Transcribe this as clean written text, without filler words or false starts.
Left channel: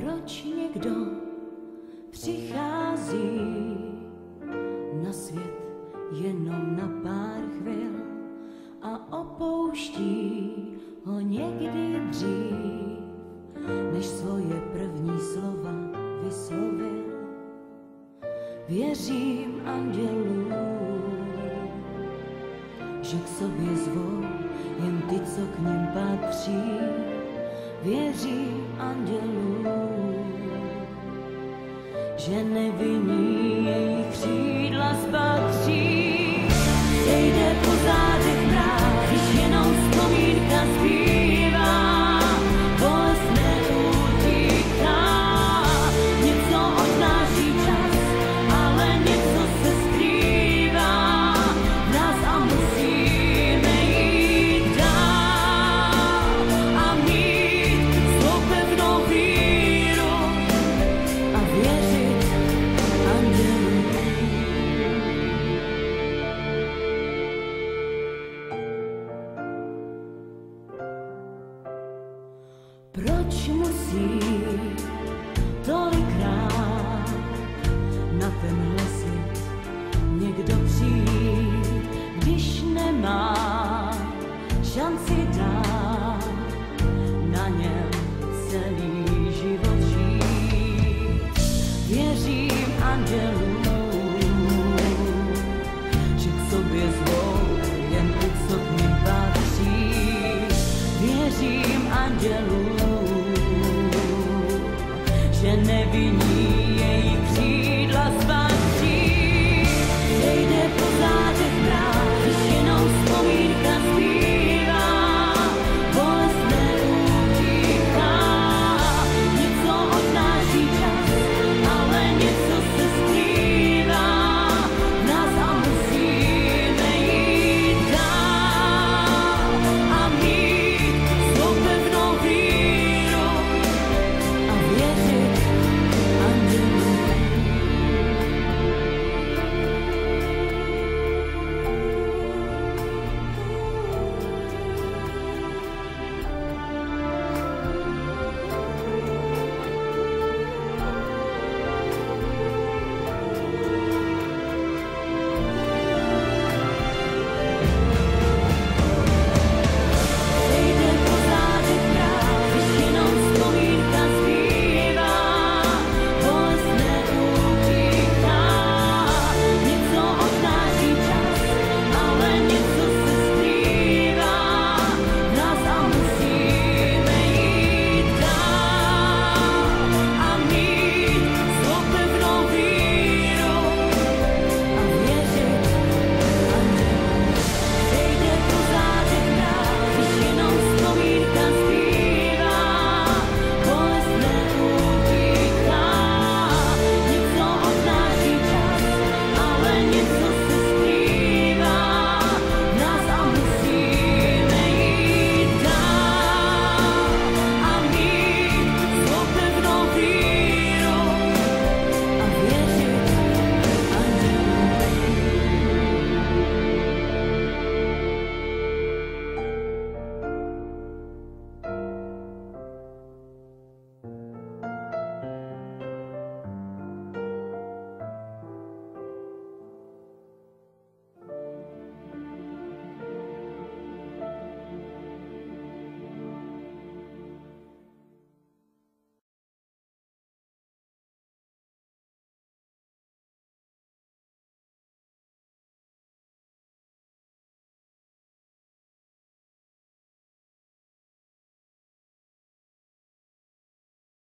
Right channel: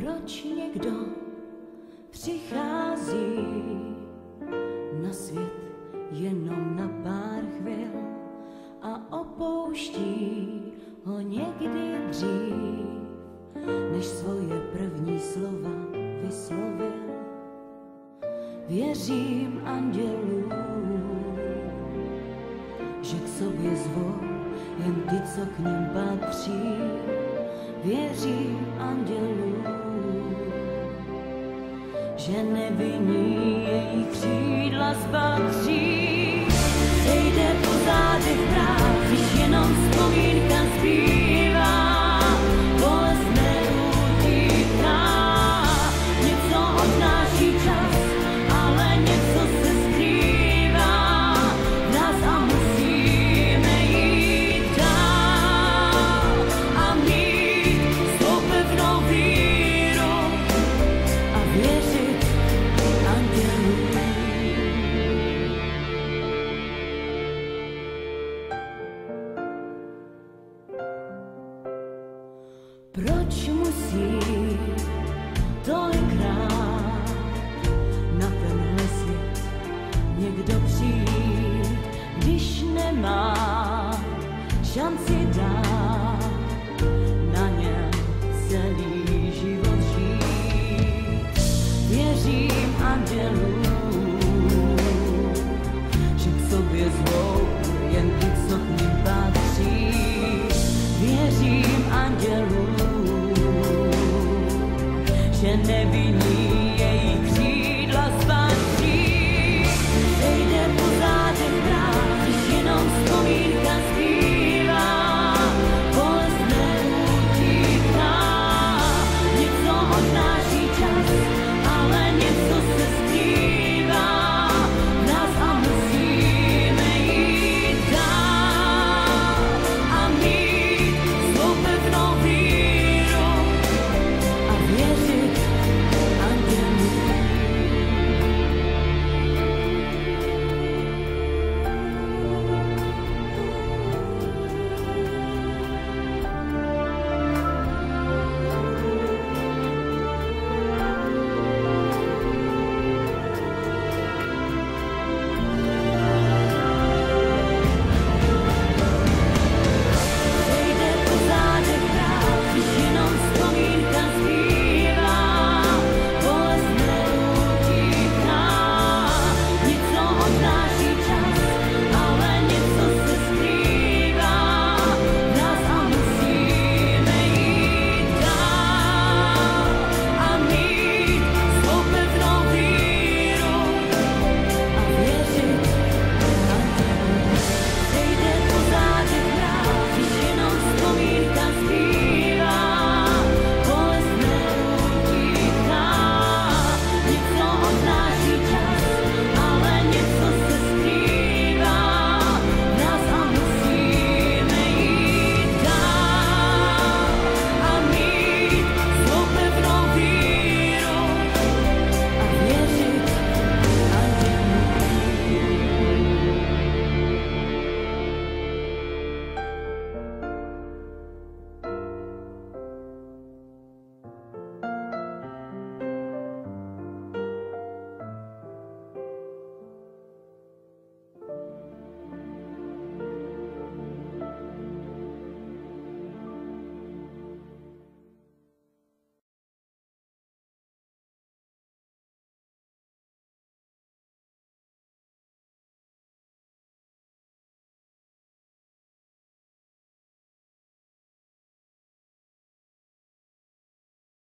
Proč někdo přichází na svět jenom na pár chvil a opouští ho někdy dřív, než svoje první slova vyslovil? Věřím andělům, že k sobě zvou jen ty, co k nim patří. Věřím andělům, že nevinní jejich křídla spatří. Sejde po zádech mráz, když jenom vzpomínka zbývá. Bolest neutíká, něco odnáší čas, ale něco se skrývá v nás a musíme jít dál a mít svou pevnou víru a věřit andělům. Proč musí tolikrát na tenhle svět někdo přijít, když nemá šanci dát na něm celý život žít? Věřím andělům, že k sobě zvou jen ty, co k nim patří. Věřím andělům, že nevinní jejich křídla spatří. Sejde po zádech mráz, když jenom vzpomínka zbývá.